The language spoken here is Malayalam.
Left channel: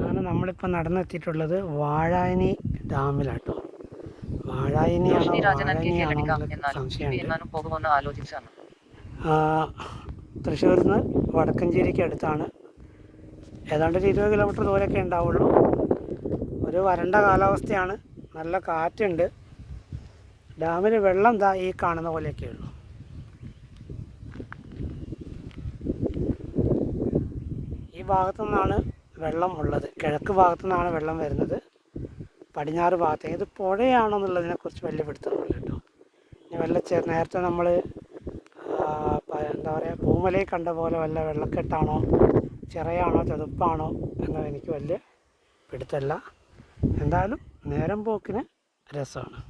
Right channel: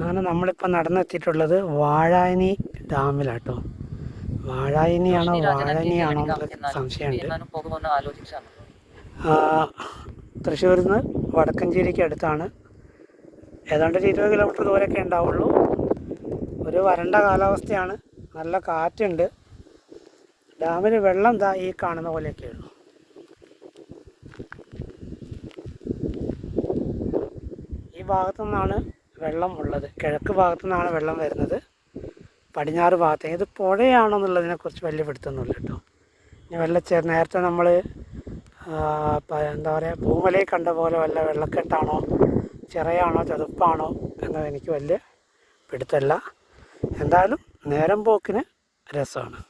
അങ്ങനെ നമ്മളിപ്പോൾ നടന്നെത്തിയിട്ടുള്ളത് വാഴായനി ഡാമിലാട്ടോ. വാഴാനിയാണോ എന്നാലും സംശയമുണ്ട്. തൃശ്ശൂരിൽ നിന്ന് വടക്കഞ്ചേരിക്ക് അടുത്താണ്. ഏതാണ്ട് ഒരു ഇരുപത് കിലോമീറ്റർ ദൂരമൊക്കെ ഉണ്ടാവുള്ളൂ. ഒരു വരണ്ട കാലാവസ്ഥയാണ്. നല്ല കാറ്റുണ്ട്. ഡാമിൽ വെള്ളം ദാ ഈ കാണുന്ന പോലെയൊക്കെ ഉള്ളൂ ഈ ഭാഗത്തു നിന്നാണ് വെള്ളം ഉള്ളത്. കിഴക്ക് ഭാഗത്തു നിന്നാണ് വെള്ളം വരുന്നത്. പടിഞ്ഞാറ് ഭാഗത്ത്. ഇത് പുഴയാണെന്നുള്ളതിനെ കുറിച്ച് വലിയ പിടുത്തൊന്നുമില്ല കേട്ടോ. ഇനി വെള്ളച്ചേർ നേരത്തെ നമ്മൾ എന്താ പറയുക ഭൂമലയിൽ കണ്ട പോലെ വല്ല വെള്ളക്കെട്ടാണോ ചിറയാണോ ചതുപ്പാണോ എന്നത് എനിക്ക് വലിയ പിടുത്തമല്ല. എന്തായാലും നേരം പോക്കിന് രസമാണ്.